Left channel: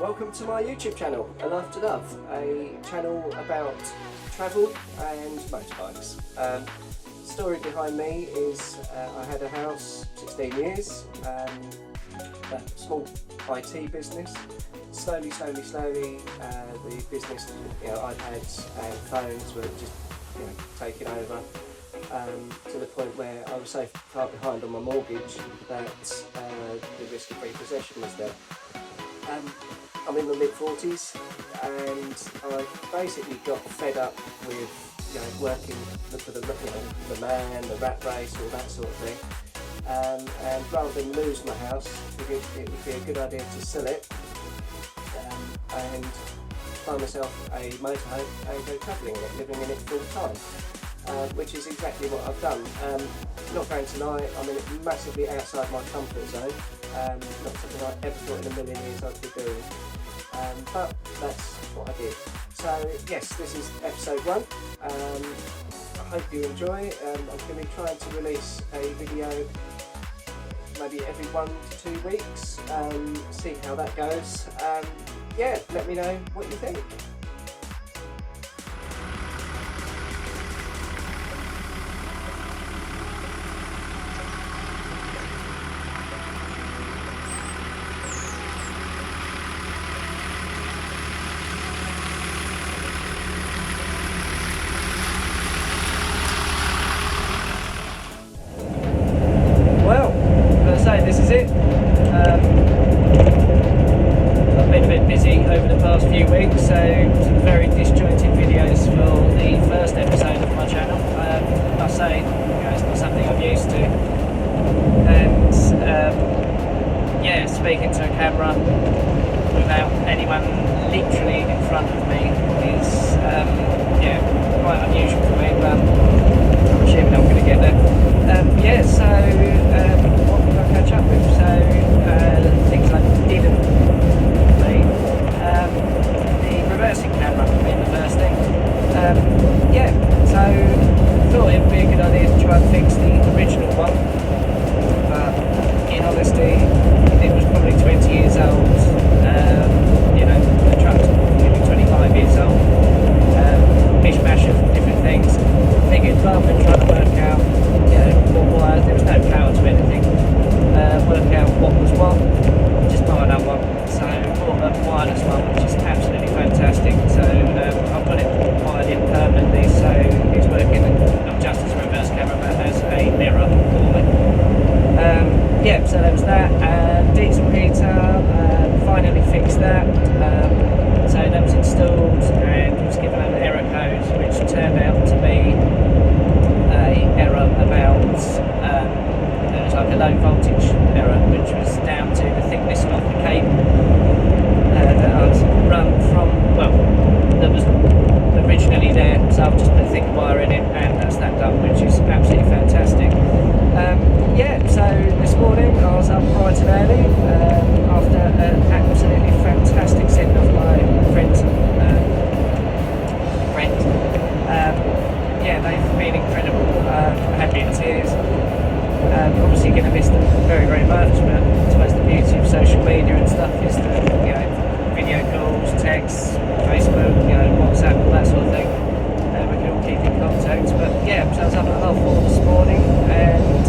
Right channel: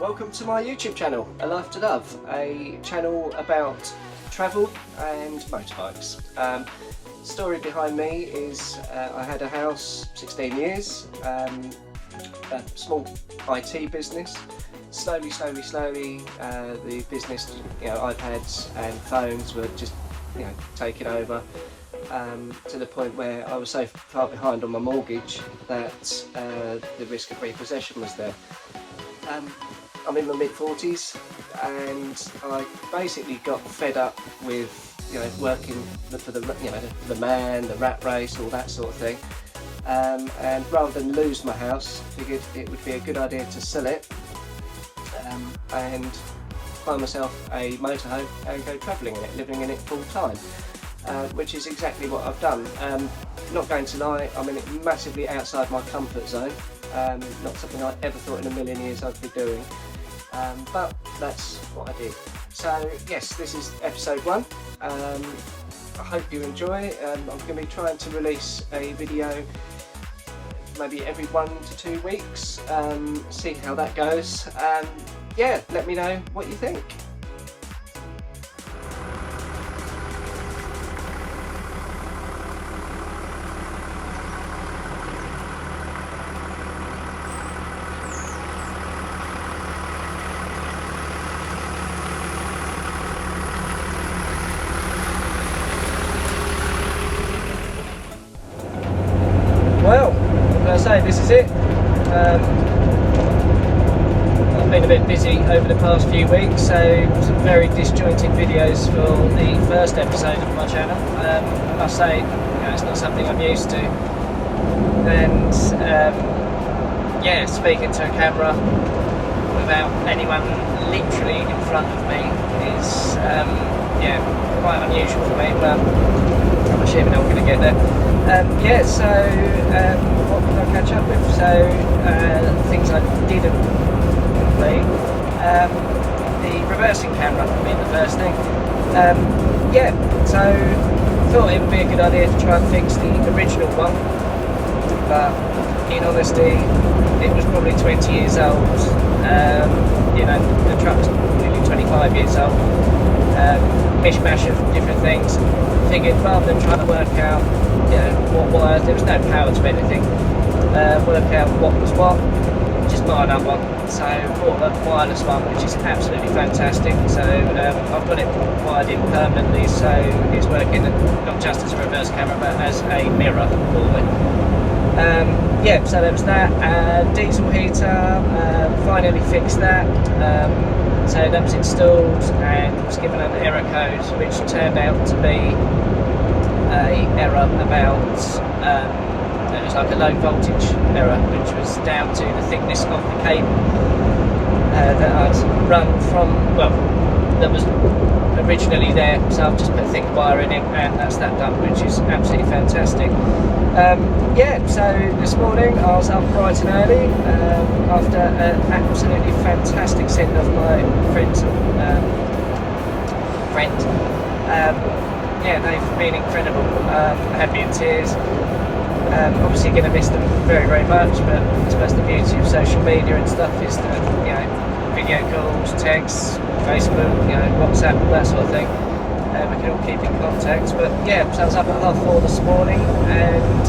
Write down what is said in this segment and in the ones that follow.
Welcome to my YouTube channel, aLife2Love, a channel about travel and motorbikes. Story behind me is I had a house 16 years, a small IT business. Slowly, the business, iPads and phones were just, taking over. To the point where I was so far behind on my mortgage that the risk of repossession was there. I'm in my mid-40s and I basically got fed up with working for the man, the rat race, all that sort of thing. And rather than lose my house, figured it would be a good idea to sell it and buy myself a motorhome and go travelling in it, living in it full time. Which is exactly what I've done. Not going to lie, I'm in it massively outside my comfort zone. Not something I ever thought in a million years I'd be doing, but that's what I did. So yes, this is episode 1. I hope you enjoy. I'm going to be trying to release a video maybe every 1 to 2 weeks, see how that goes. Yeah, let me know what you think. Well, I'm going to say this is it. I've been a bit busy over the past few weeks, so some very disjointed videos for the first episode of my channel. I must say, it's not something I'm used to. And yeah, speaking to a camera without anyone literally in front of me is quite unusual for me, but I'm assuming I'm going to get there. Yeah, so what did I catch up with? So things I didn't complete. The reversing camera being the first thing. Yeah, so thought it would be a good idea to try and fix the original one, but in honesty, it was probably 20 years old. The truck's nearly 25 years old. Mishmash of different things. Figured rather than trying to work out what wires, there was no power to anything, work out what was what, just buy another one. So bought a wireless one, which is absolutely fantastic. So I've got it wired in permanently, so it's working not just as a reverse camera but as a mirror for me. Yeah, so there was that. Diesel heater, finally fixed that. So that was installed and was given an error code, which turned out to be an error about, it was like a low voltage error, which was down to the thickness of the cable that I'd run from, that was originally there. So I've just put thick wire in it and that's that done, which is absolutely fantastic. Yeah, so this morning I was up bright and early after an absolutely fantastic send off my friend. Yeah, they've been incredible. Had me in tears. Obviously going to miss them very, very much, but I suppose the beauty of social media and stuff is that video calls, texts, Facebook, WhatsApp, all that sort of thing. We can all keep in contact. But yeah, so I was up at 4:30 this morning, and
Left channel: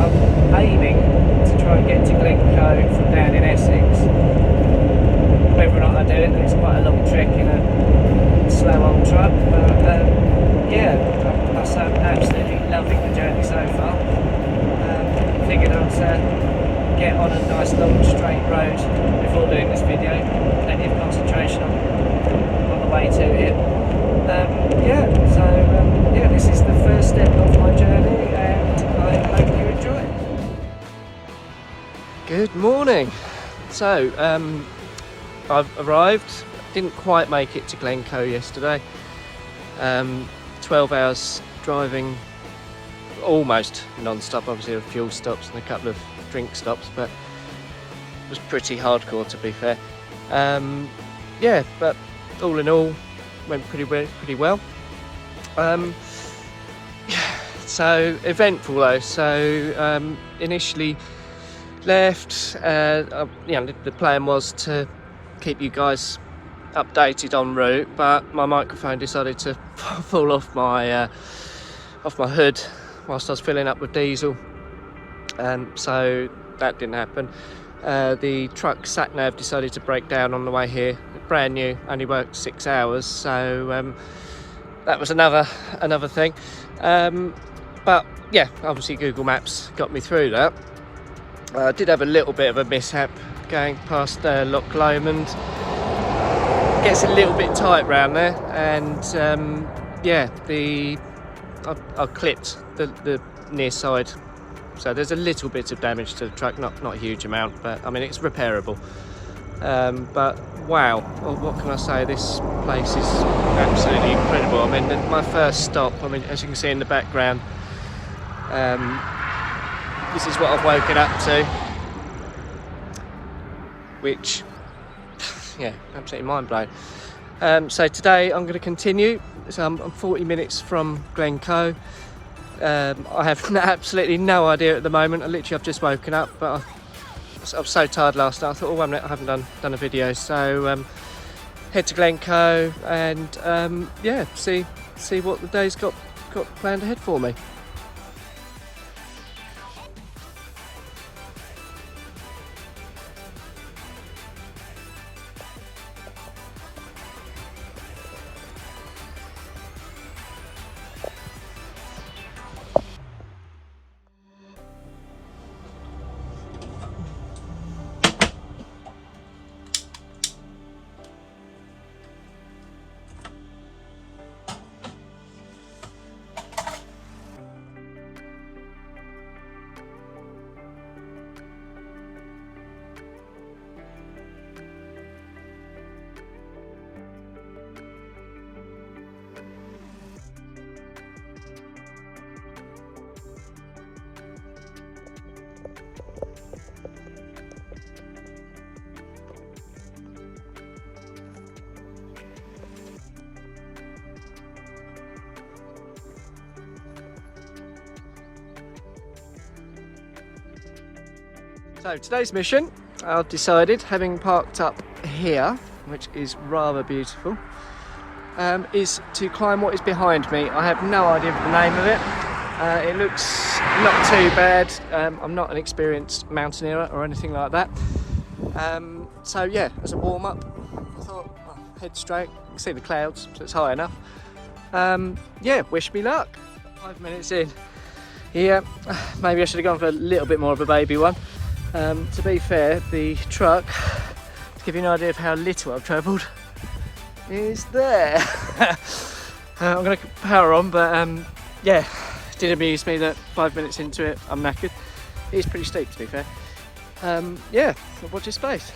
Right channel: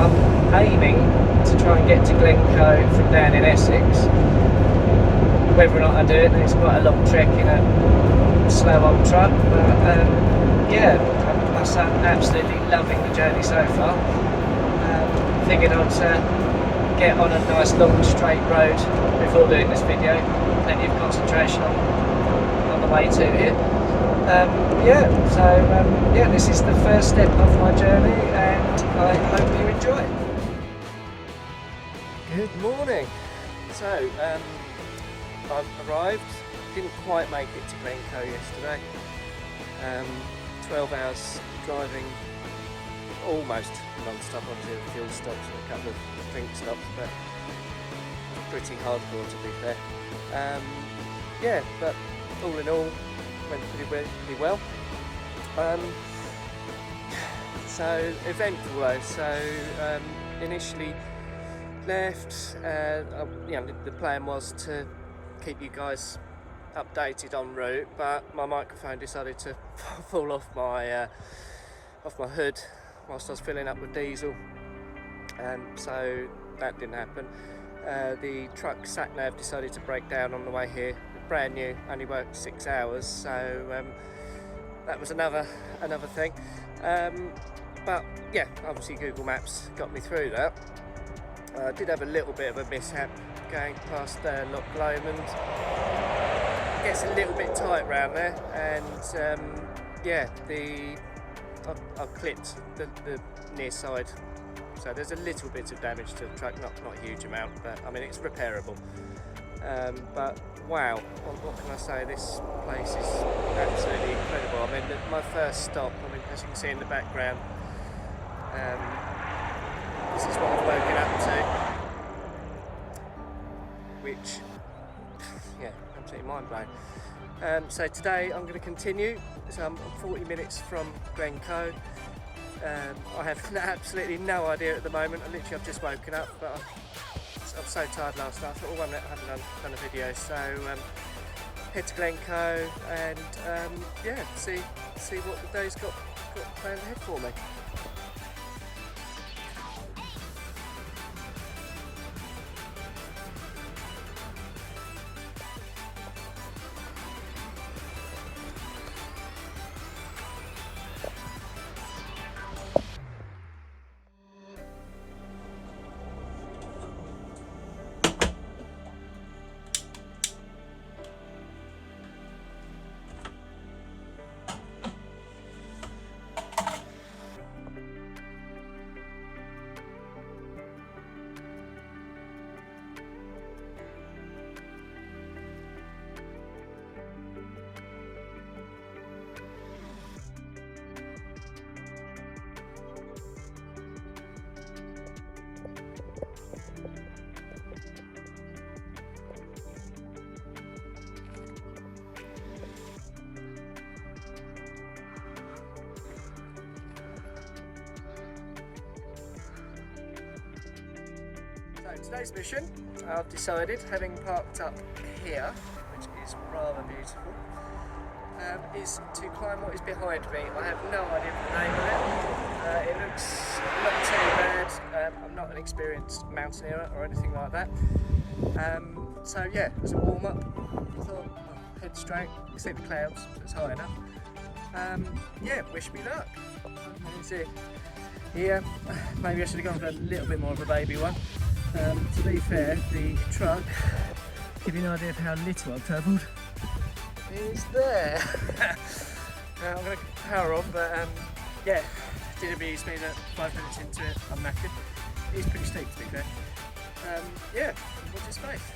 I'm aiming to try and get to Glencoe from down in Essex. Whether or not I do it, it's quite a long trek in a slow-on truck, but yeah, I must say I'm absolutely loving the journey so far. Figured I'd get on a nice long straight road before doing this video. Plenty of concentration on the way to it. Yeah, so yeah, this is the first step of my journey, and I hope you enjoy. Good morning. So I've arrived. Didn't quite make it to Glencoe yesterday. 12 hours driving, almost non-stop. Obviously, with fuel stops and a couple of drink stops, but it was pretty hardcore, to be fair. Yeah, but all in all, went pretty well. So eventful though. So initially left. The plan was to keep you guys updated en route, but my microphone decided to fall off my hood whilst I was filling up with diesel, so that didn't happen. The truck sat nav decided to break down on the way here. Brand new, only worked 6 hours, so that was another thing. But yeah, obviously Google Maps got me through that. I did have a little bit of a mishap going past Loch Lomond. Gets a little bit tight round there, and yeah, I clipped the near side, so there's a little bit of damage to the truck, not a huge amount, but I mean it's repairable. But wow, well, what can I say, this place is absolutely incredible. I mean, my first stop, I mean, as you can see in the background, this is what I've woken up to, which, yeah, absolutely mind-blowing. So today I'm going to continue. So I'm 40 minutes from Glencoe. I have absolutely no idea at the moment. I've just woken up, but I was so tired last night. I thought, oh, wait a minute, I haven't done a video. So head to Glencoe and yeah, see what the day's got planned ahead for me. So today's mission, I've decided, having parked up here, which is rather beautiful, is to climb what is behind me. I have no idea of the name of it. It looks not too bad. I'm not an experienced mountaineer or anything like that. So yeah, as a warm-up, I thought, well, head straight. You can see the clouds, so it's high enough. Yeah, wish me luck. 5 minutes in. Yeah, maybe I should have gone for a little bit more of a baby one. To be fair, the truck, to give you an idea of how little I've travelled, is there. I'm going to power on, but yeah, it did amuse me that 5 minutes into it I'm knackered. It is pretty steep, to be fair. Yeah, so watch this space.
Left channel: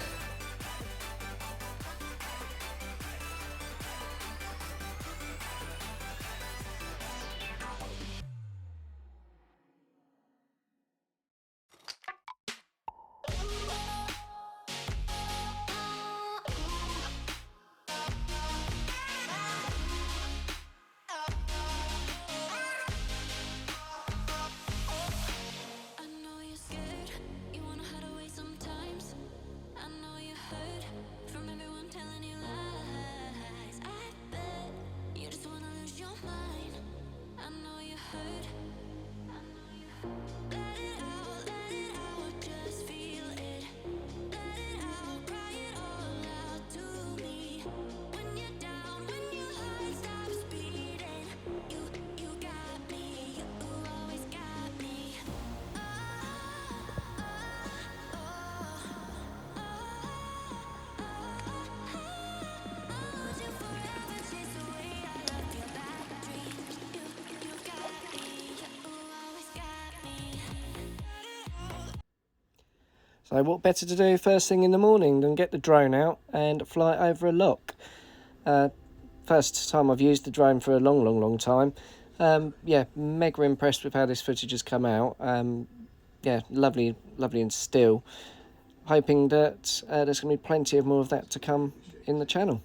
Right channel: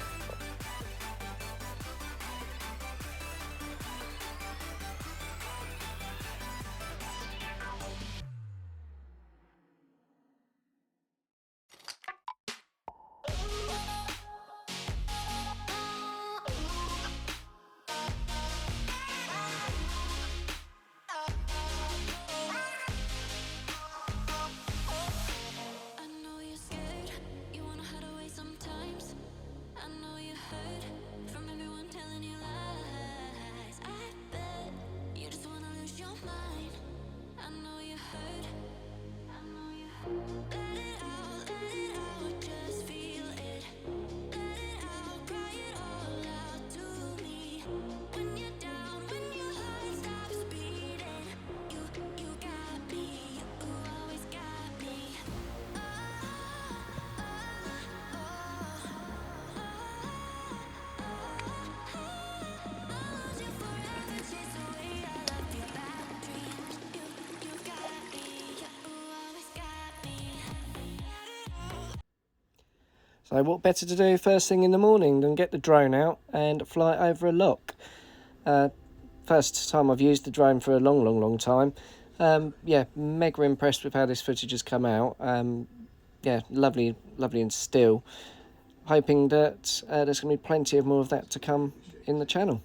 So what better to do first thing in the morning than get the drone out and fly over a loch? First time I've used the drone for a long time. Yeah, mega impressed with how this footage has come out. Yeah, lovely and still. Hoping that there's going to be plenty of more of that to come in the channel.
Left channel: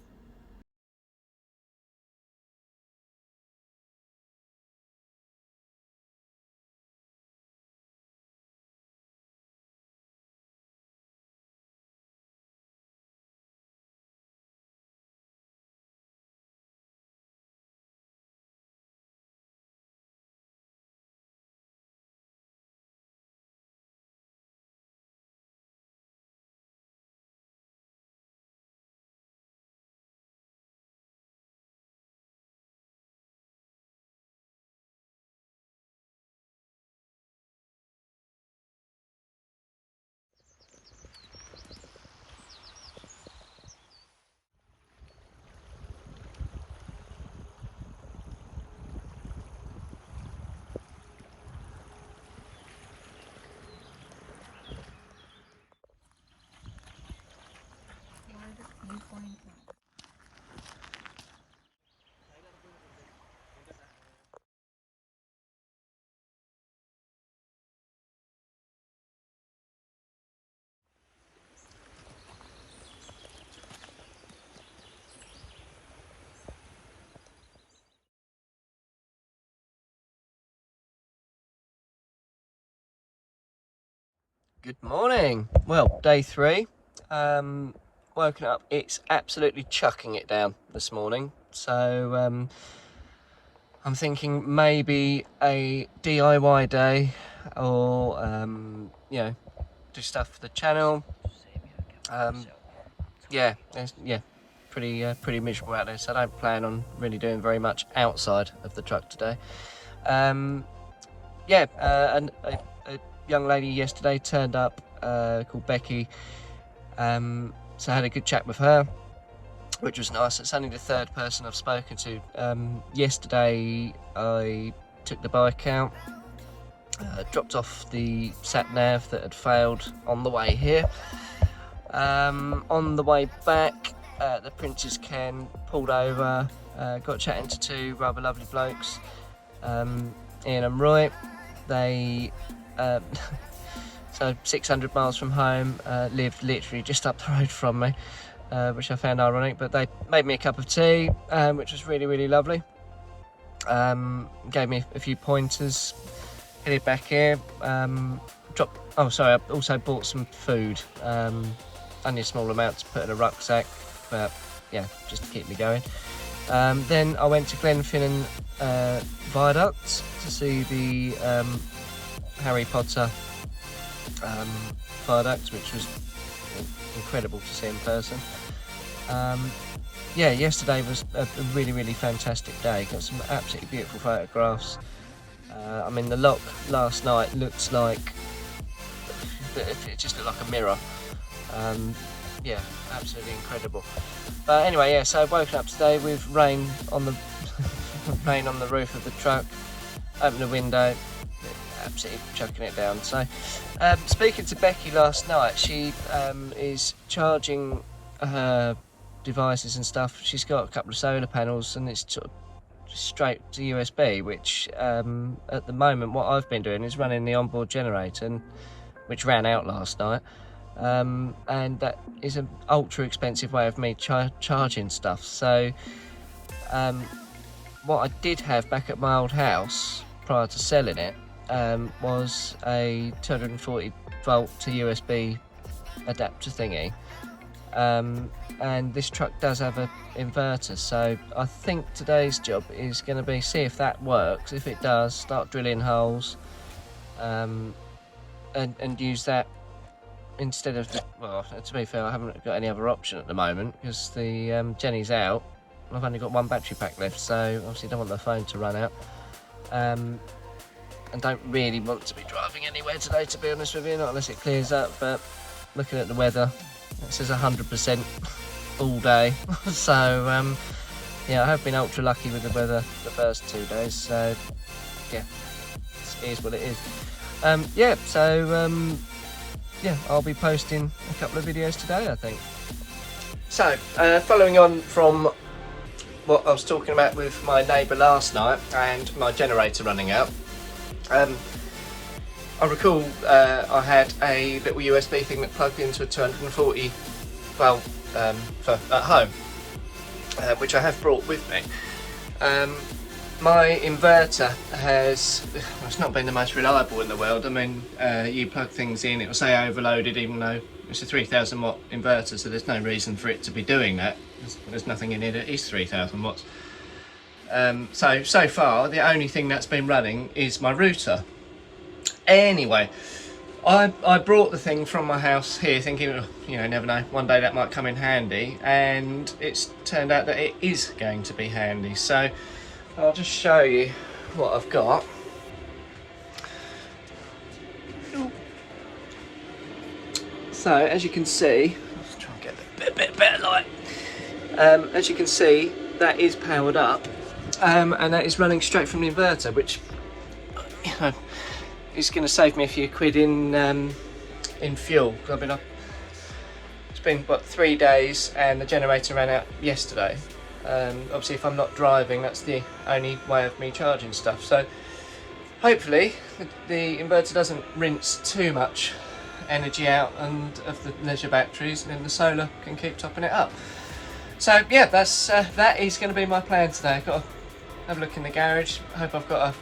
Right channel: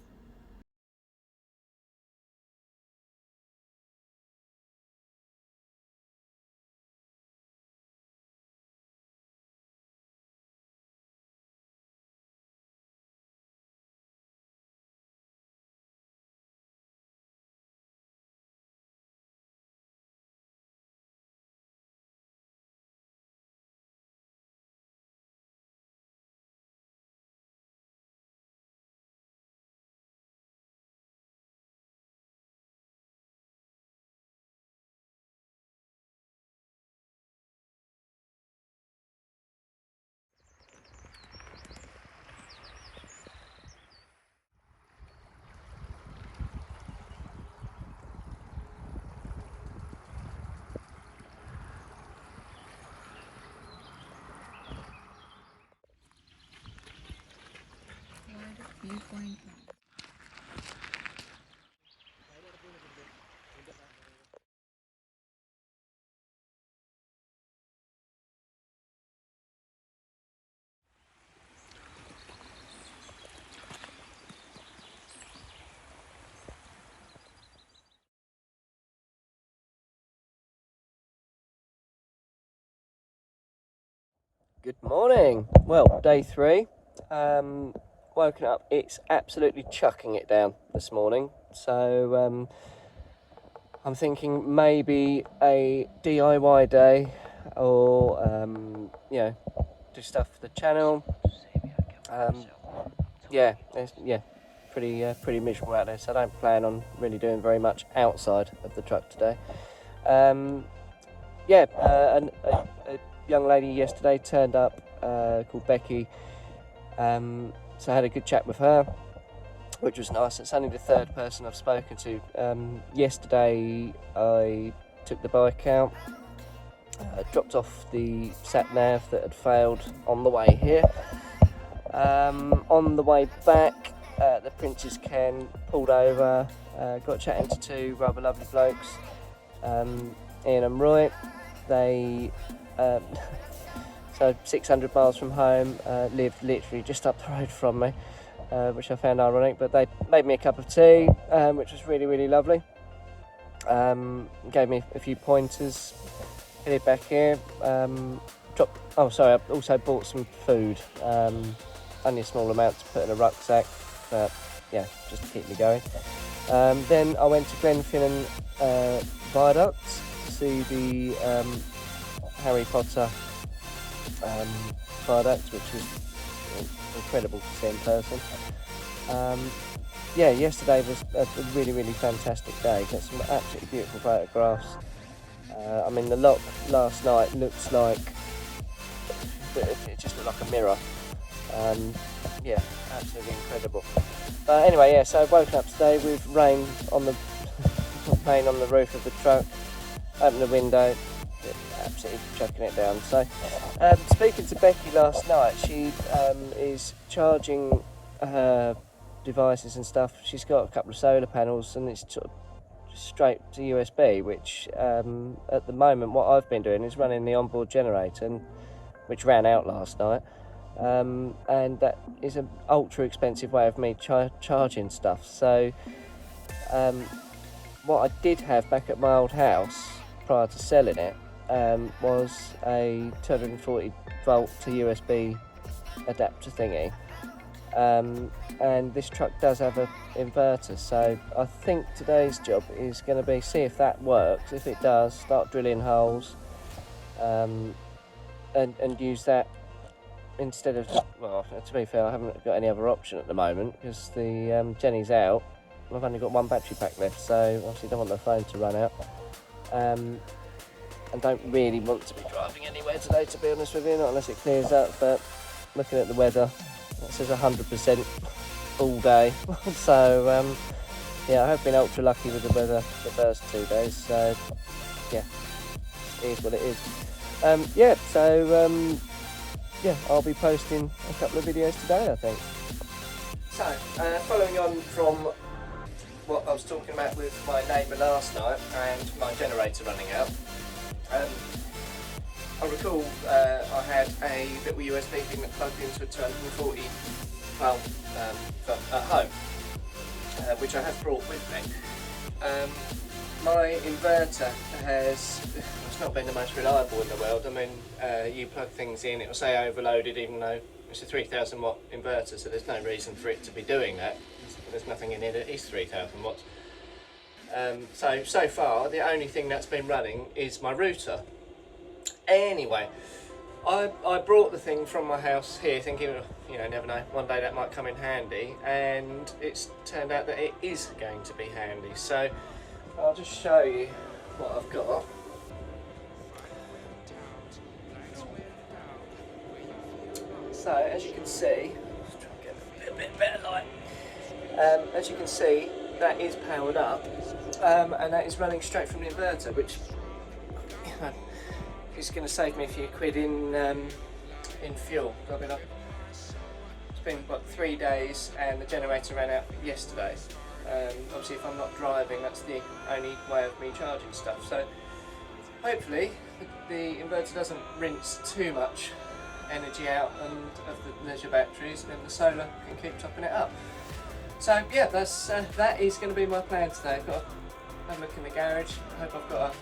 Good morning. Well, day 3. Woken up. It's absolutely chucking it down this morning. So I'm thinking maybe a DIY day, or do stuff for the channel. Pretty miserable out there. So I don't plan on really doing very much outside of the truck today. A young lady yesterday turned up called Becky, so I had a good chat with her, which was nice. It's only the third person I've spoken to. Yesterday I took the bike out, dropped off the sat-nav that had failed on the way here. On the way back, the Prince's Ken pulled over, got chatting to 2 rather lovely blokes, Ian and Roy. They so 600 miles from home, lived literally just up the road from me, which I found ironic, but they made me a cup of tea, which was really, really lovely. Gave me a few pointers, headed back here, I also bought some food, only a small amount to put in a rucksack, but yeah, just to keep me going. Then I went to Glenfinnan Viaduct to see the Harry Potter viaduct, which was incredible to see in person. Yesterday was a really, really fantastic day. Got some absolutely beautiful photographs. The lock last night looks like it just looked like a mirror. Absolutely incredible. But anyway, so I've woken up today with rain on the rain on the roof of the truck. Opened the window, absolutely chucking it down. So, speaking to Becky last night, she is charging her devices and stuff. She's got a couple of solar panels, and it's sort of straight to USB, which at the moment what I've been doing is running the onboard generator, which ran out last night, and that is an ultra expensive way of me charging stuff. So what I did have back at my old house prior to selling it was a 240 volt to USB adapter thingy, and this truck does have an inverter, so I think today's job is going to be see if that works. If it does, start drilling holes, and use that instead of to be fair, I haven't got any other option at the moment because the Jenny's out. I've only got 1 battery pack left, so obviously don't want the phone to run out, and don't really want to be driving anywhere today, to be honest with you, not unless it clears up. But looking at the weather, it says 100% all day. So I have been ultra lucky with the weather the first 2 days, so yeah, it is what it is. I'll be posting a couple of videos today, I think. So following on from what I was talking about with my neighbour last night and my generator running out, I recall I had a little USB thing that plugged into a 240 volt for at home, which I have brought with me. My inverter it's not been the most reliable in the world. You plug things in, it will say overloaded, even though it's a 3000 watt inverter, so there's no reason for it to be doing that. There's nothing in here that is 3000 watts. So far, the only thing that's been running is my router. Anyway, I brought the thing from my house here thinking, never know, one day that might come in handy, and it's turned out that it is going to be handy. So I'll just show you what I've got. So as you can see, let's try and get a bit better light. As you can see, that is powered up, and that is running straight from the inverter, which is going to save me a few quid in fuel. It's been 3 days, and the generator ran out yesterday. Obviously, if I'm not driving, that's the only way of me charging stuff. So hopefully, the inverter doesn't rinse too much energy out and of the leisure batteries, and then the solar can keep topping it up. So yeah, that is going to be my plan today. I've got to have a look in the garage. I hope I've got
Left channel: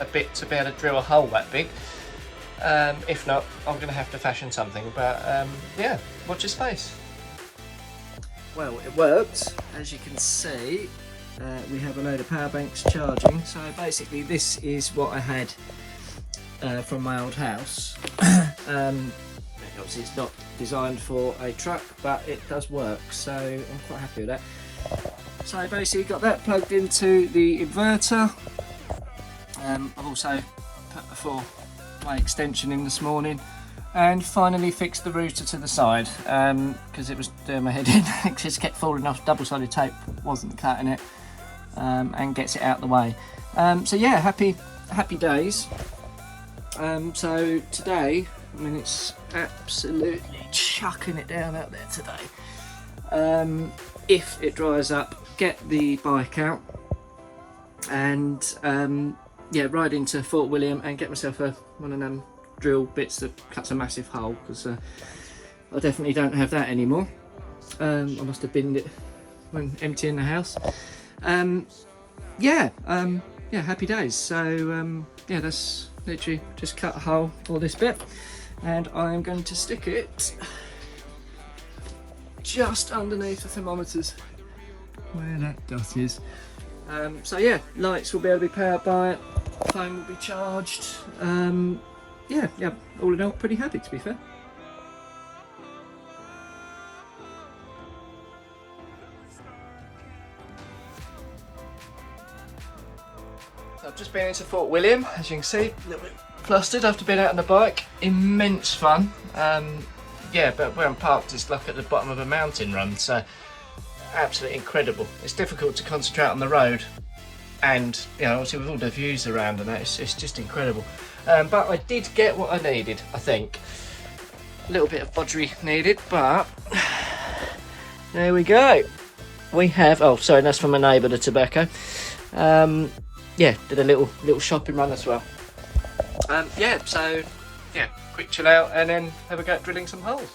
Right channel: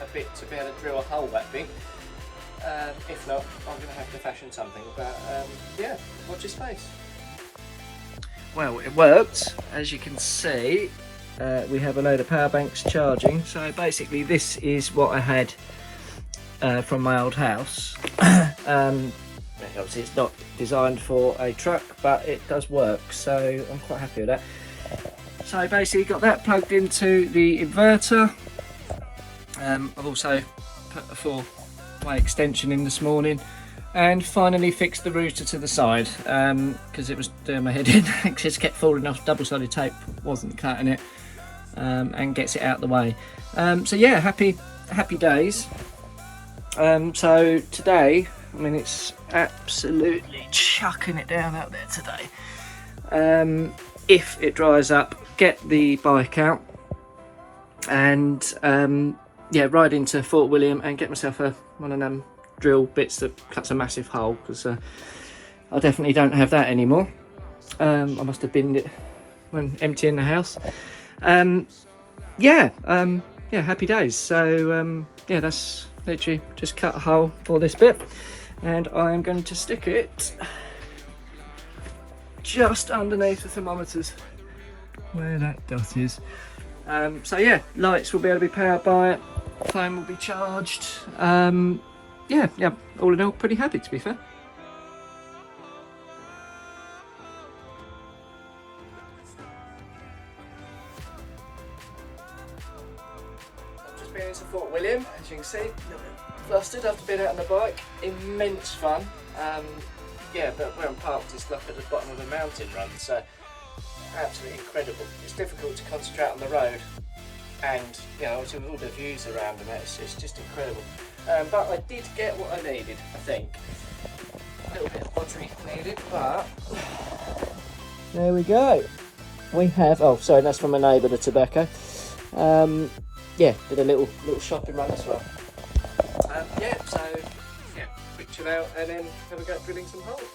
a bit to be able to drill a hole that big. If not, I'm going to have to fashion something, but yeah, watch this space. Well, it worked. As you can see, we have a load of power banks charging. So basically this is what I had from my old house. Obviously it's not designed for a truck, but it does work, so I'm quite happy with that. So basically got that plugged into the inverter. I've also put a 4-way extension in this morning, and finally fixed the router to the side because it was doing my head in. It just kept falling off. Double-sided tape wasn't cutting it, and gets it out the way. So yeah, happy days. So today, I mean, it's absolutely chucking it down out there today. If it dries up, get the bike out and yeah, ride into Fort William and get myself one of them drill bits that cuts a massive hole, because I definitely don't have that anymore. I must have binned it when emptying the house. Yeah, happy days. So yeah, that's literally just cut a hole for this bit, and I'm going to stick it just underneath the thermometers where that dot is. So yeah, lights will be able to be powered by it, phone will be charged. Yeah, all in all, pretty happy, to be fair. I've just been into Fort William, as you can see, a little bit flustered after being out on the bike. Immense fun. Yeah, but where I'm parked is like at the bottom of a mountain run, so absolutely incredible. It's difficult to concentrate on the road, and you know, obviously with all the views around and that, it's just incredible. But I did get what I needed, I think. A little bit of bodgery needed, but there we go. We have, oh sorry, that's from my neighbour, the tobacco. Yeah, did a little shopping run as well. Yeah, so yeah, quick chill out and then have a go at drilling some holes.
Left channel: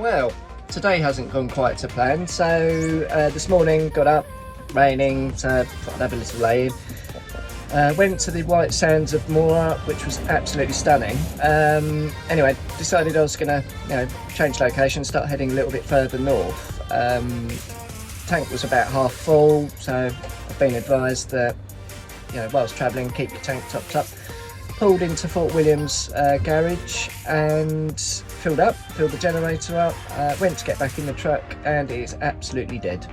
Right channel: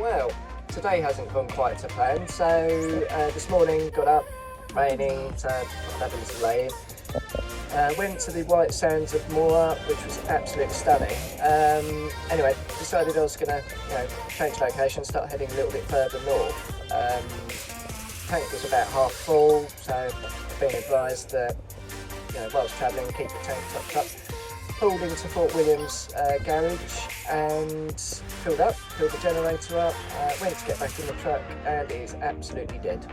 Well, today hasn't gone quite to plan, so this morning got up, raining, so thought I'd have a little lay in. Went to the White Sands of Moora, which was absolutely stunning. Anyway, decided I was going to change location, start heading a little bit further north. Tank was about half full, so I've been advised that whilst travelling, keep your tank topped up. Pulled into Fort William's garage and filled the generator up, went to get back in the truck, and it is absolutely dead.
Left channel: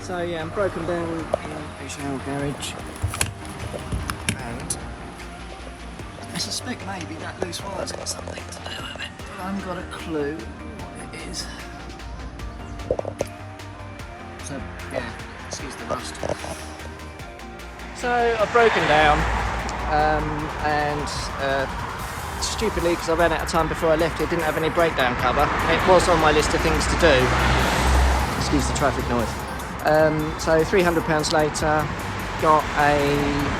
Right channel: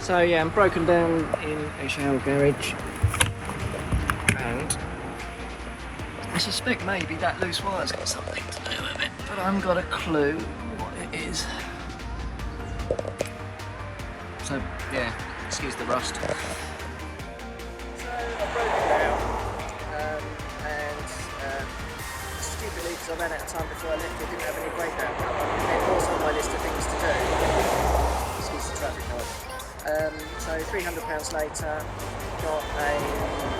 So yeah, I'm broken down in a shower garage, and I suspect maybe that loose wire's got something to do with it, but I haven't got a clue what it is. So yeah, excuse the rust. So I've broken down, and stupidly, because I ran out of time before I left, it didn't have any breakdown cover. It was on my list of things to do. Excuse the traffic noise. So £300 later, got a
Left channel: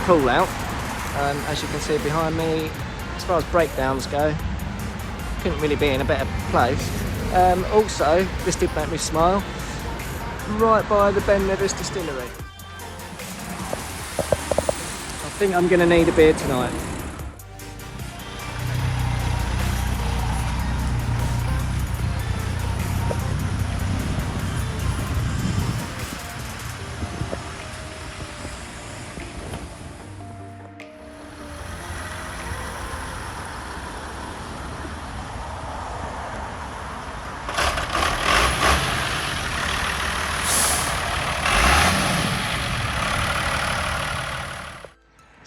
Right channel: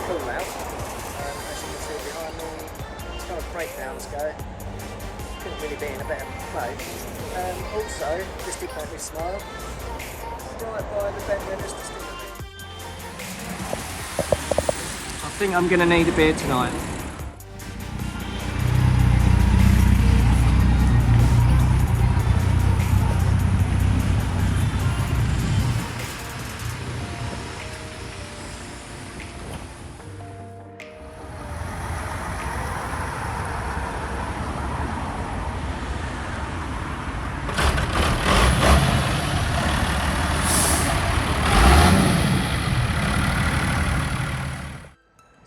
pull out. As you can see behind me, as far as breakdowns go, couldn't really be in a better place. Also, this did make me smile, right by the Ben Nevis distillery. I think I'm going to need a beer tonight.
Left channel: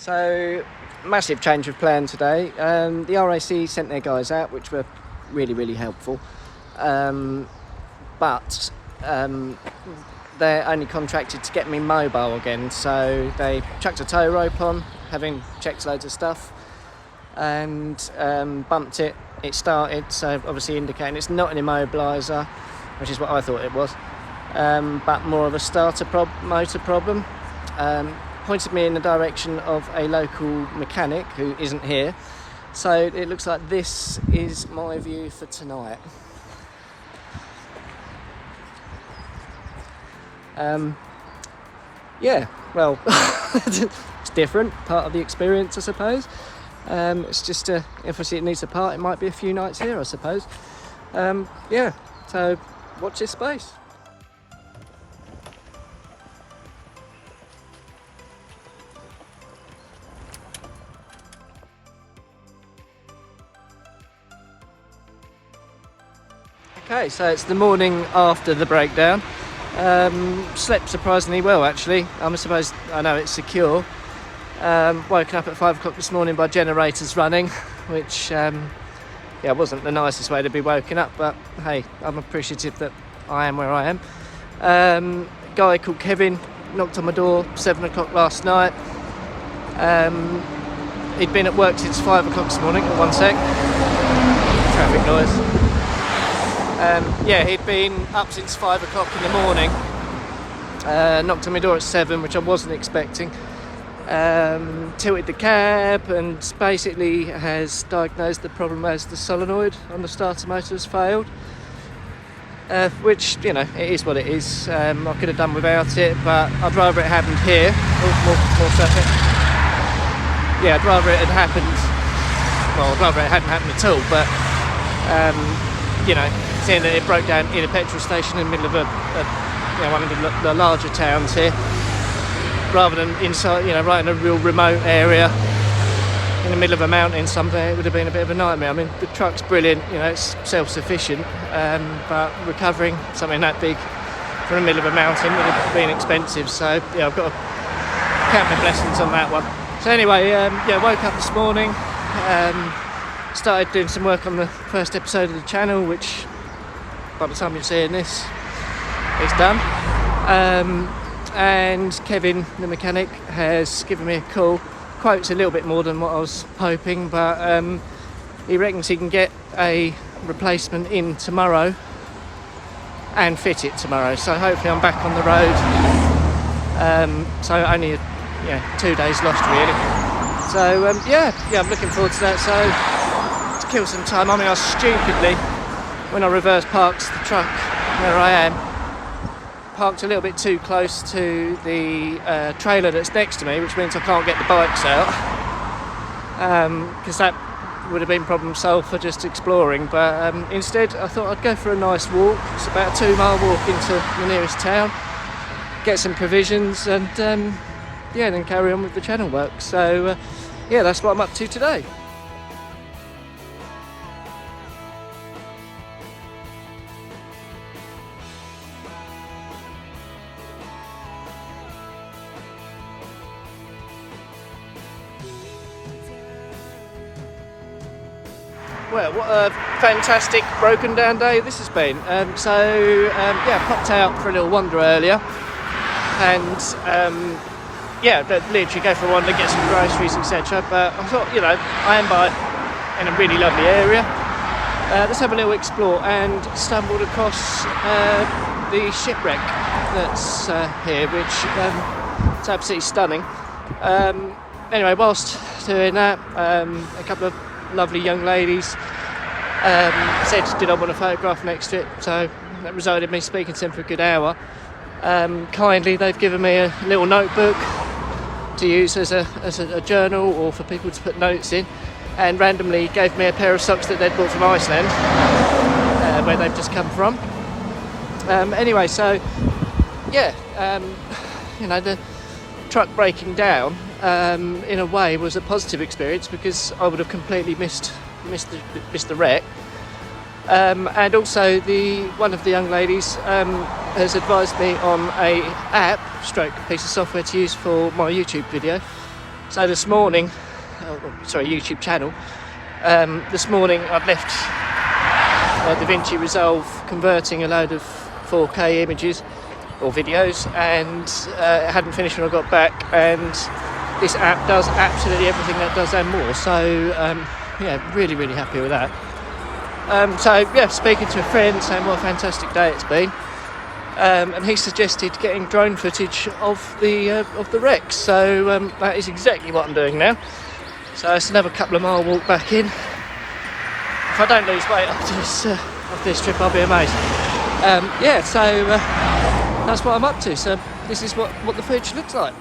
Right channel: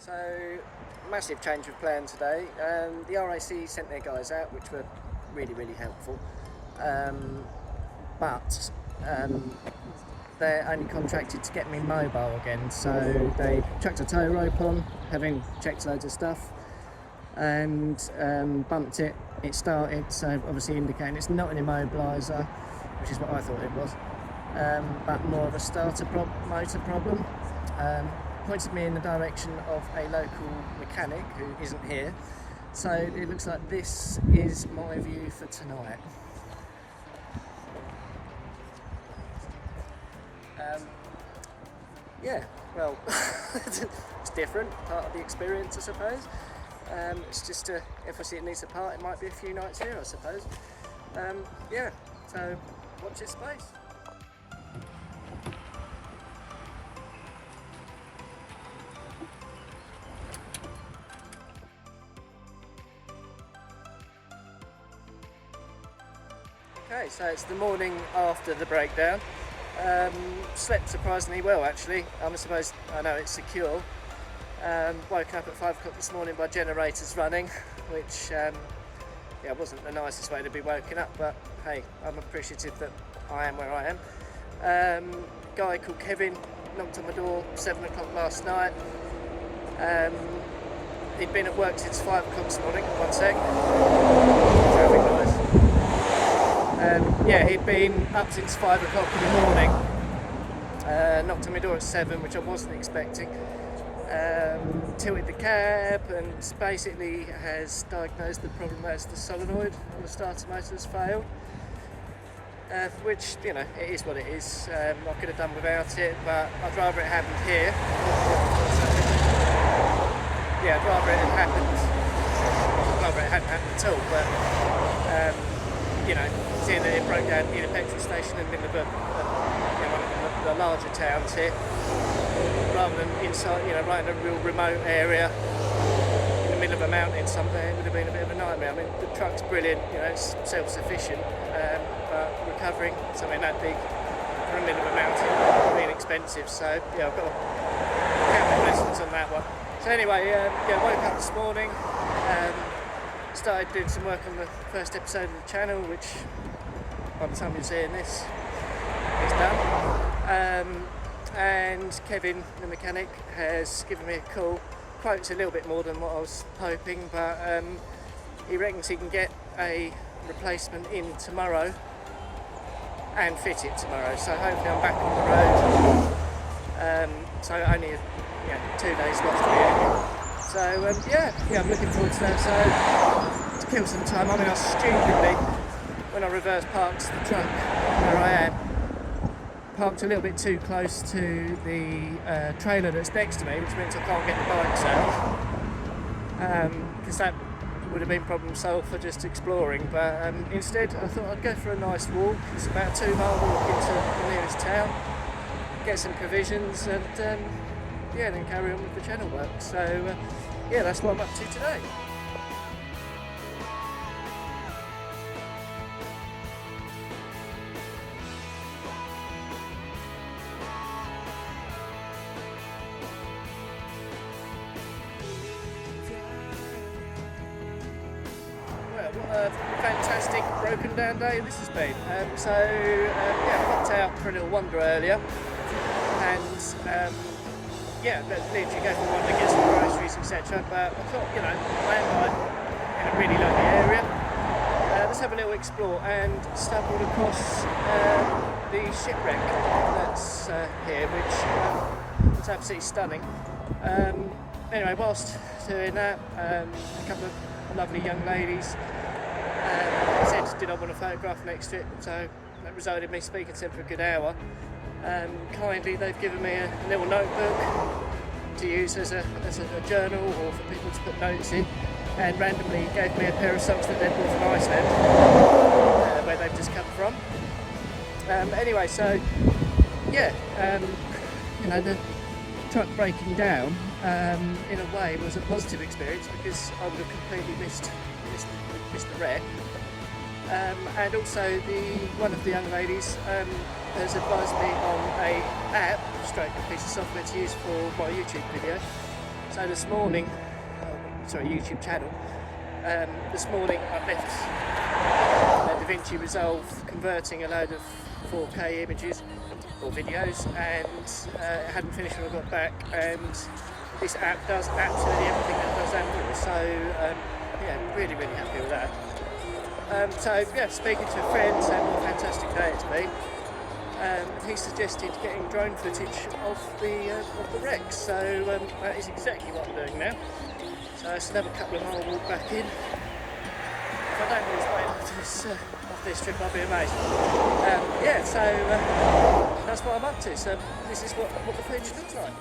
So, massive change of plan today. The RAC sent their guys out, which were really helpful. But they're only contracted to get me mobile again, so they chucked a tow rope on, having checked loads of stuff, and bumped it. It started, so obviously indicating it's not an immobiliser, which is what I thought it was, but more of a starter motor problem. Pointed me in the direction of a local mechanic who isn't here, so it looks like this is my view for tonight. Yeah, well, it's different, part of the experience, I suppose. It's just if I see it needs a part, it might be a few nights here, I suppose. Yeah, so watch this space. Okay, so it's the morning after the breakdown. Slept surprisingly well, actually. I suppose I know it's secure. Woken up at 5 o'clock this morning by generators running, which yeah, wasn't the nicest way to be woken up, but hey, I'm appreciative that I am where I am. A guy called Kevin knocked on my door 7 o'clock last night. He'd been at work since 5 o'clock this morning. One sec. Traffic noise. Yeah, he'd been up since 5 o'clock in the morning. Knocked on my door at 7, which I wasn't expecting. Tilted the cab and basically has diagnosed the problem as the solenoid on the starter motor has failed. Which, you know, it is what it is. I could have done without it, but I'd rather it happened here. Oh, more traffic. Yeah, I'd rather it had happened. Well, I'd rather it hadn't happened at all, but you know, seeing that it broke down in a petrol station in the middle of you know, one of the larger towns here, rather than inside, you know, right in a real remote area in the middle of a mountain somewhere, it would have been a bit of a nightmare. I mean, the truck's brilliant, you know, it's self-sufficient, but recovering something that big from the middle of a mountain would have been expensive. So yeah, I've got to count my blessings on that one. So anyway, yeah, woke up this morning, started doing some work on the first episode of the channel, which by the time you're seeing this, it's done. And Kevin, the mechanic, has given me a call. Quote's a little bit more than what I was hoping, but he reckons he can get a replacement in tomorrow and fit it tomorrow. So hopefully I'm back on the road. So only 2 days lost really. So yeah, I'm looking forward to that. So to kill some time, I mean, I stupidly, when I reverse parked the truck where I am, parked a little bit too close to the trailer that's next to me, which means I can't get the bikes out, because that would have been problem solved for just exploring. But instead I thought I'd go for a nice walk. It's about a 2-mile walk into the nearest town, get some provisions, and yeah, then carry on with the channel work. So yeah, that's what I'm up to today. Well, what a fantastic broken down day this has been. Yeah, popped out for a little wander earlier, and yeah, literally go for a wander, get some groceries, etc. But I thought, you know, I am in a really lovely area. Let's have a little explore, and stumbled across the shipwreck that's here, which is absolutely stunning. Anyway, whilst doing that, a couple of lovely young ladies said did I want a photograph next to it, so that resulted in me speaking to them for a good hour. Kindly they've given me a little notebook to use as a journal, or for people to put notes in, and randomly gave me a pair of socks that they'd bought from Iceland, where they've just come from. Anyway, so yeah, you know, the truck breaking down in a way was a positive experience, because I would have completely missed the wreck. And also one of the young ladies has advised me on a app stroke piece of software to use for my YouTube video, So this morning, sorry, YouTube channel, this morning I've left DaVinci Resolve converting a load of 4K images or videos, and it hadn't finished when I got back, and this app does absolutely everything that does and more. So yeah, really happy with that. So yeah, speaking to a friend saying what a fantastic day it's been, and he suggested getting drone footage of the wrecks. So that is exactly what I'm doing now. So it's another couple of mile walk back in. If I don't lose weight after this trip, I'll be amazed. Yeah, so that's what I'm up to. So this is what the footage looks like.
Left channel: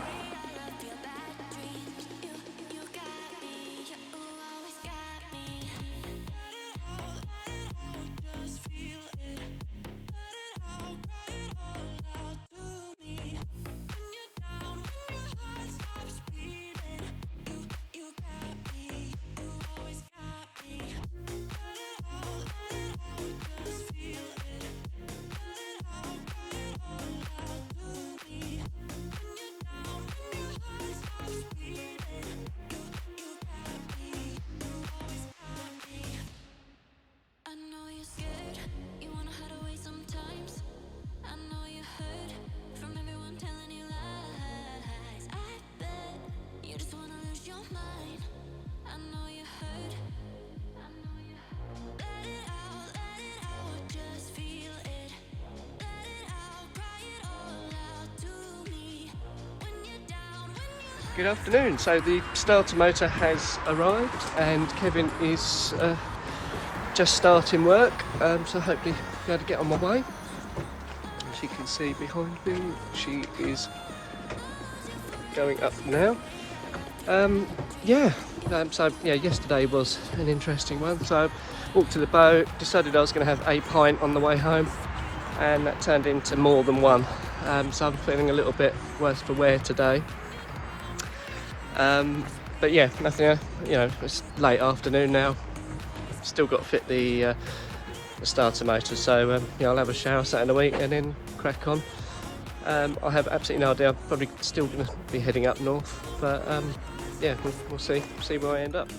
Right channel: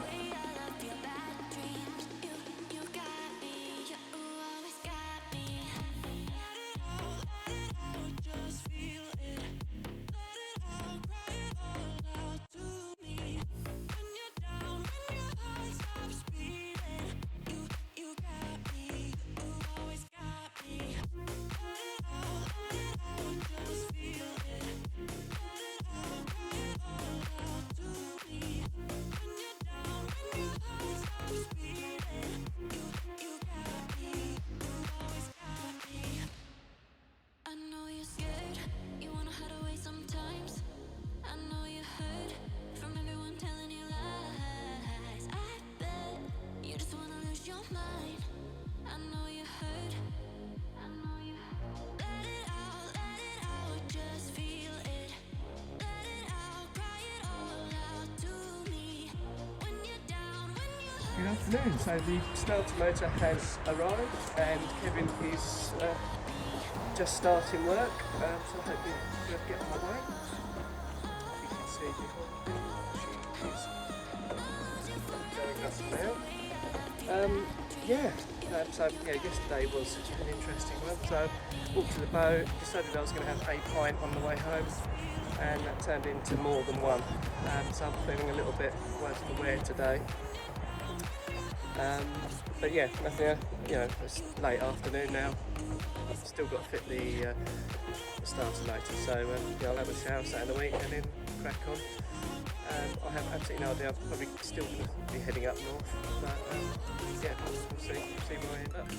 Good afternoon. So the starter motor has arrived and Kevin is just starting work, so hopefully I'll be able to get on my way. As you can see behind me, she is going up now. So yesterday was an interesting one. So I walked to the boat, decided I was going to have a pint on the way home, and that turned into more than one. So I'm feeling a little bit worse for wear today. But yeah, nothing. It's late afternoon now. Still got to fit the starter motor. So I'll have a shower Saturday in the week and then crack on. I have absolutely no idea. I'm probably still going to be heading up north, but yeah, we'll see where I end up.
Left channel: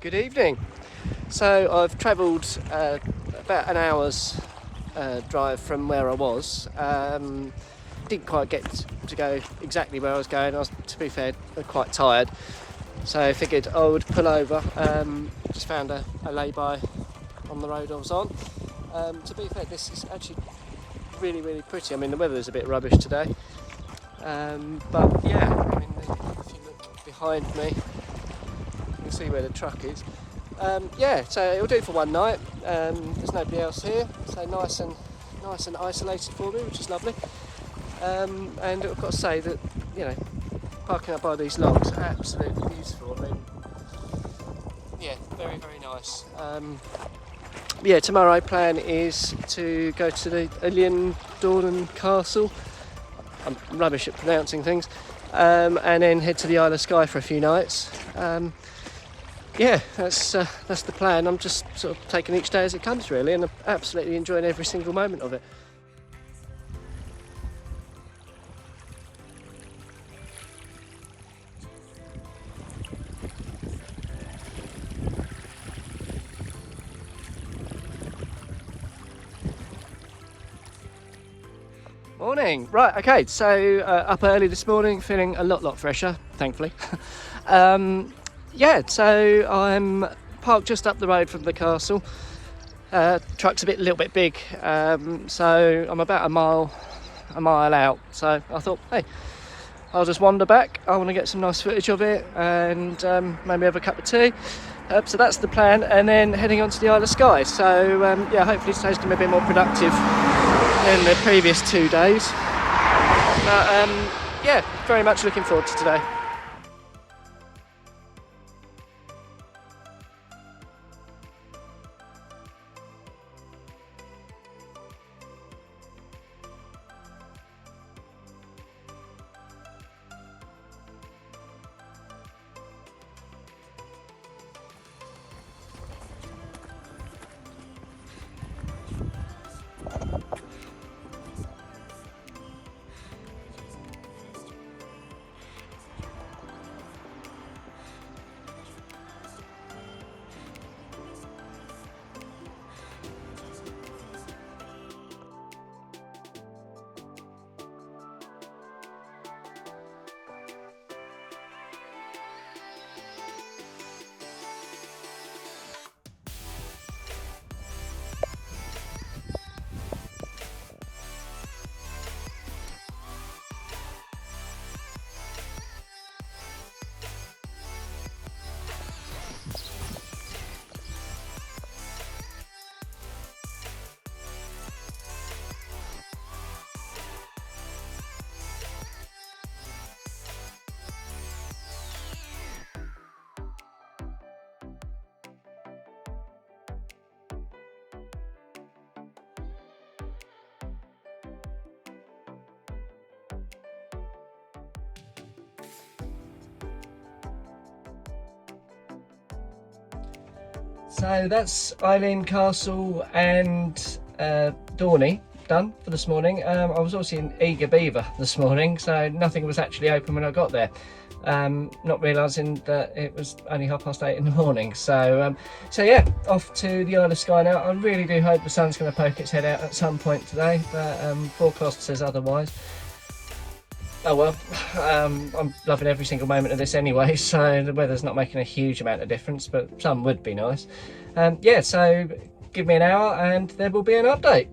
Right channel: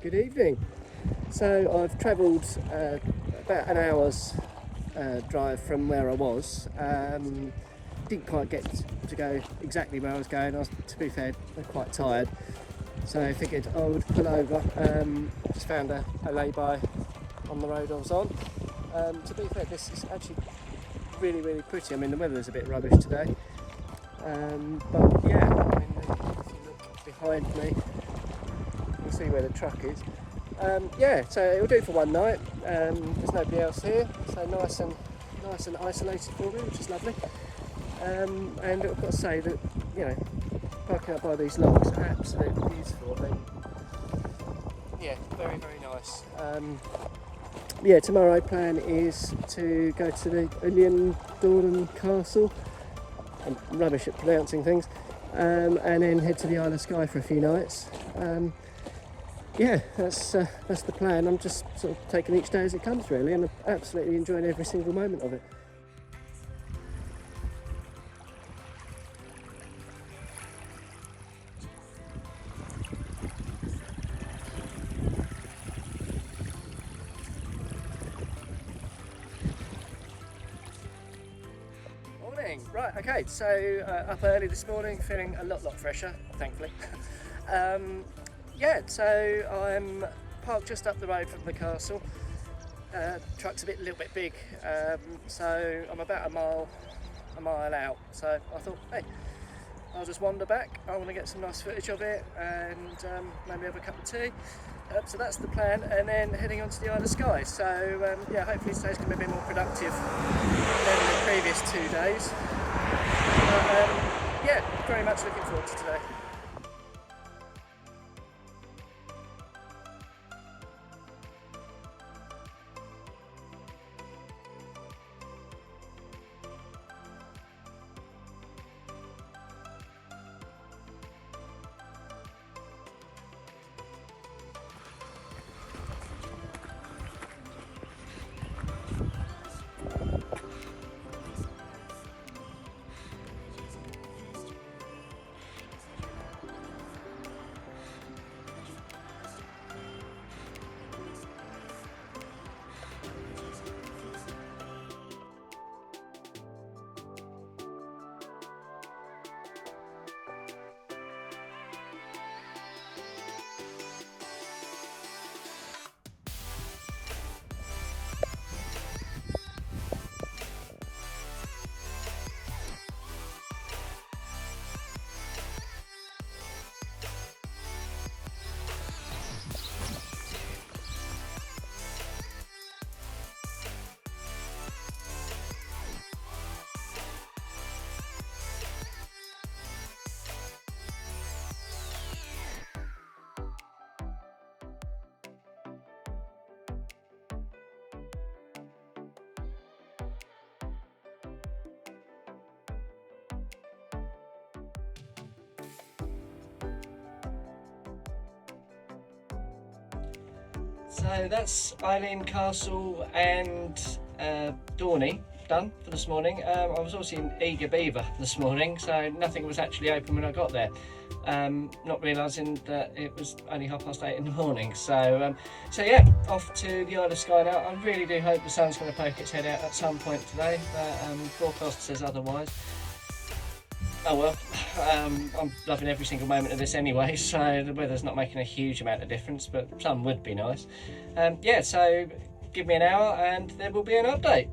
Good evening. So I've travelled about an hour's drive from where I was. Didn't quite get to go exactly where I was going. I was, to be fair, quite tired. So I figured I would pull over. Just found a lay-by on the road I was on. To be fair, this is actually really pretty. I mean, the weather is a bit rubbish today. But yeah, I mean, if you look behind me, you can see where the truck is. So it'll do for one night. There's nobody else here, so nice and isolated for me, which is lovely. And I've got to say that, parking up by these logs, absolutely beautiful. I mean, yeah, very nice. Tomorrow plan is to go to the Ilian Castle. I'm rubbish at pronouncing things. And then head to the Isle of Skye for a few nights. That's the plan. I'm just sort of taking each day as it comes, really, and I'm absolutely enjoying every single moment of it. Morning. Right, okay, so up early this morning, feeling a lot fresher, thankfully. So I'm parked just up the road from the castle. Truck's a little bit big, so I'm about a mile out. So I thought, hey, I'll just wander back. I want to get some nice footage of it and maybe have a cup of tea. So that's the plan, and then heading on to the Isle of Skye. So hopefully today's going to be a bit more productive than the previous 2 days. But yeah, very much looking forward to today. So that's Eileen Castle and Dorney done for this morning. I was also in Eager Beaver this morning, so nothing was actually open when I got there. Not realising that it was only 8:30 in the morning. So yeah, off to the Isle of Skye now. I really do hope the sun's going to poke its head out at some point today, but forecast says otherwise. Oh well, I'm loving every single moment of this anyway, so the weather's not making a huge amount of difference, but some would be nice. Yeah, so give me an hour and there will be an update.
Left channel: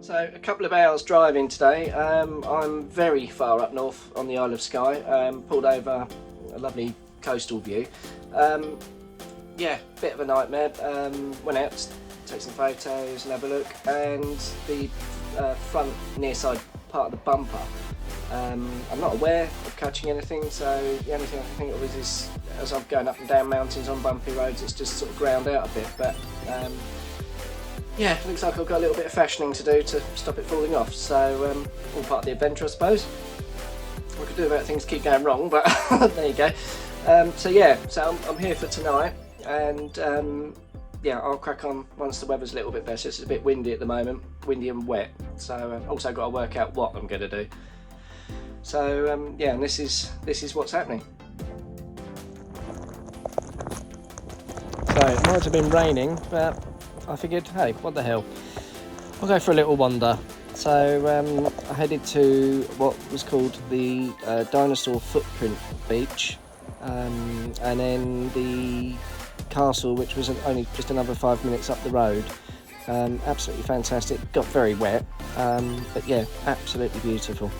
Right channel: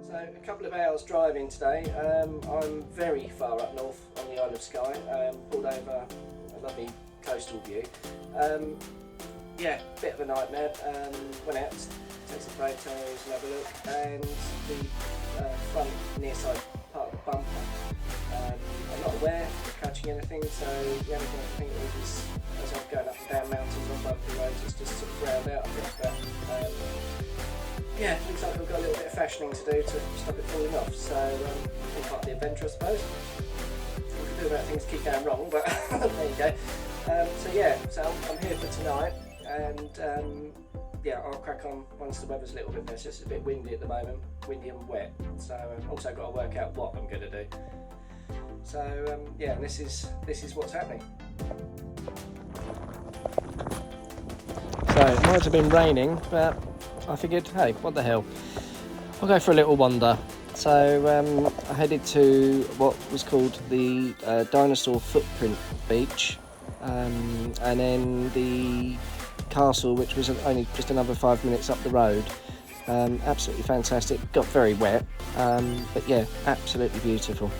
So a couple of hours driving today. I'm very far up north on the Isle of Skye, pulled over a lovely coastal view. Yeah, bit of a nightmare. Went out to take some photos and have a look, and the front near side part of the bumper, I'm not aware of catching anything, so the only thing I can think of is as I'm going up and down mountains on bumpy roads, it's just sort of ground out a bit, but yeah, looks like I've got a little bit of fashioning to do to stop it falling off, so all part of the adventure, I suppose. What I could do about things keep going wrong, but there you go. So yeah, so I'm here for tonight, and yeah, I'll crack on once the weather's a little bit better. It's a bit windy at the moment, windy and wet, so I've also got to work out what I'm going to do. So yeah, and this is what's happening. So it might have been raining, but I figured, hey, what the hell, I'll go for a little wander. So I headed to what was called the Dinosaur Footprint Beach, and then the castle, which was only just another 5 minutes up the road. Absolutely fantastic. Got very wet, but yeah, absolutely beautiful.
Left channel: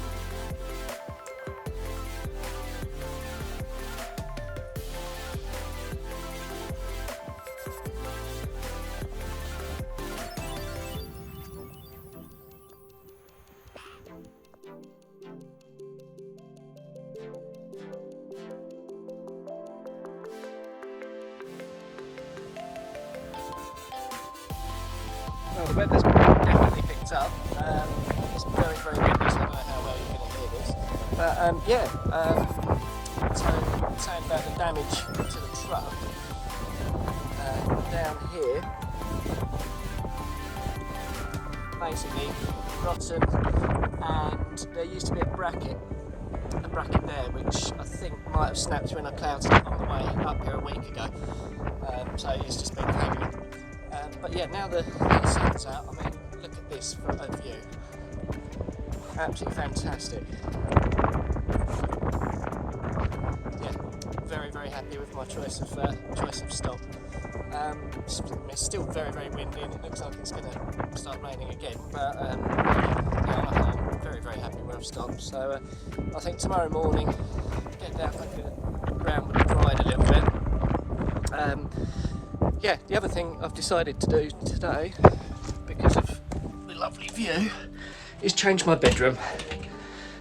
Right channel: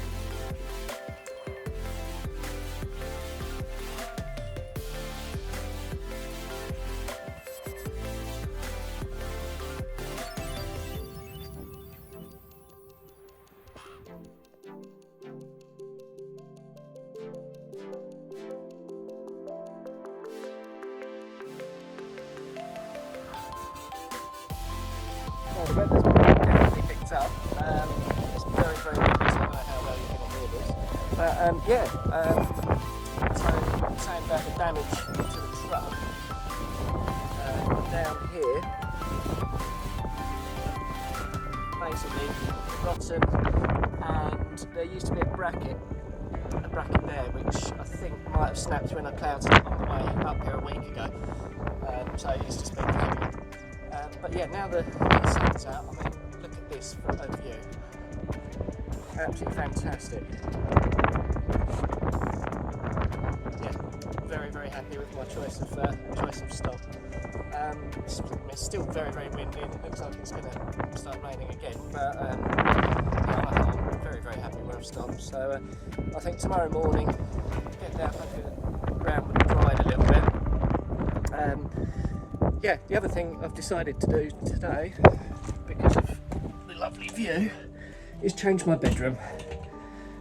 Well, the weather's definitely picked up. It's very, very windy, so I don't know how well you're going to hear this. But yeah, so saying about the damage to the truck, down here, basically rotten, and there used to be a bracket there, which I think might have snapped through in a cloud on the way up here a week ago. So it used to be heavy. But yeah, now the sun's out, I mean, look at this for a view. Absolutely fantastic. Yeah, very, very happy with my choice of stop. It's still very, very windy, and it looks like it's going to start raining again. But yeah, I'm very, very happy where I've stopped. So I think tomorrow morning, get down, hopefully the ground will have dried a little bit. Yeah, the other thing I've decided to do today, because of lovely view is change my bedroom.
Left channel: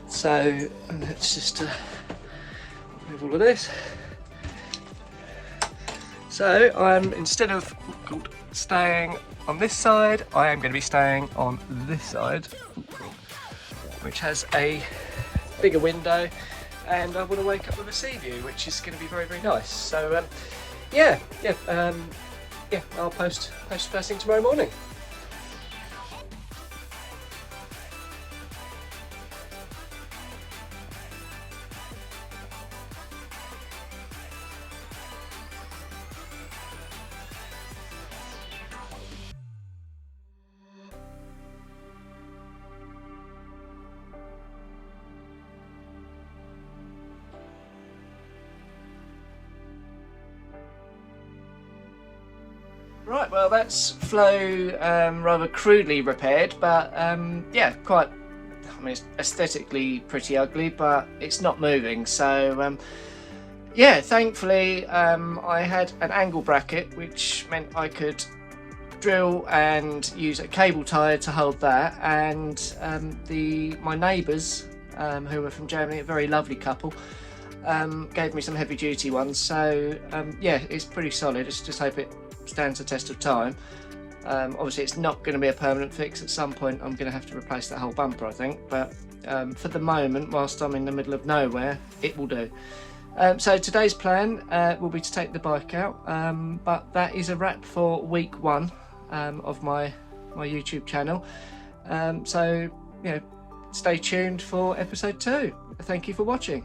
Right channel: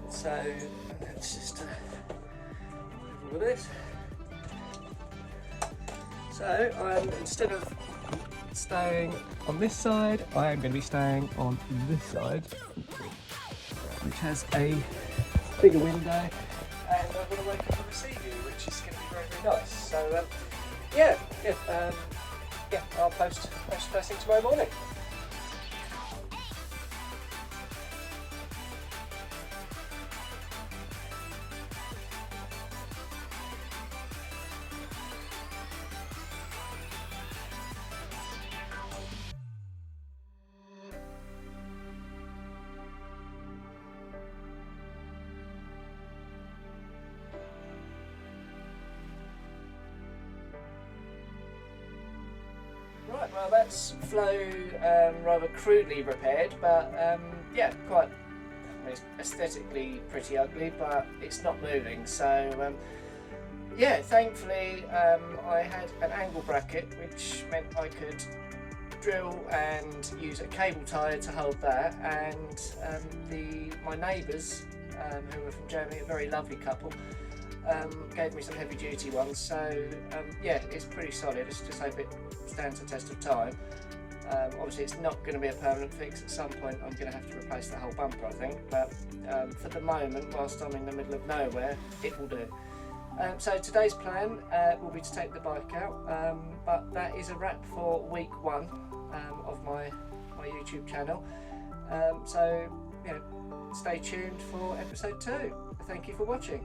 So let's just move all of this. So I'm, instead of staying on this side, I am going to be staying on this side, which has a bigger window, and I want to wake up with a sea view, which is going to be very, very nice. So yeah, I'll post first thing tomorrow morning. Right, well that's flow rather crudely repaired, but yeah, quite, I mean, it's aesthetically pretty ugly, but it's not moving. So yeah, thankfully I had an angle bracket, which meant I could drill and use a cable tie to hold that, and my neighbours who were from Germany, a very lovely couple, gave me some heavy duty ones. So yeah, it's pretty solid. Let's just hope it stands the test of time. Obviously it's not going to be a permanent fix. At some point I'm going to have to replace that whole bumper, I think, but for the moment, whilst I'm in the middle of nowhere, it will do. So today's plan will be to take the bike out, but that is a wrap for week 1 of my YouTube channel. So you know, stay tuned for episode 2. Thank you for watching.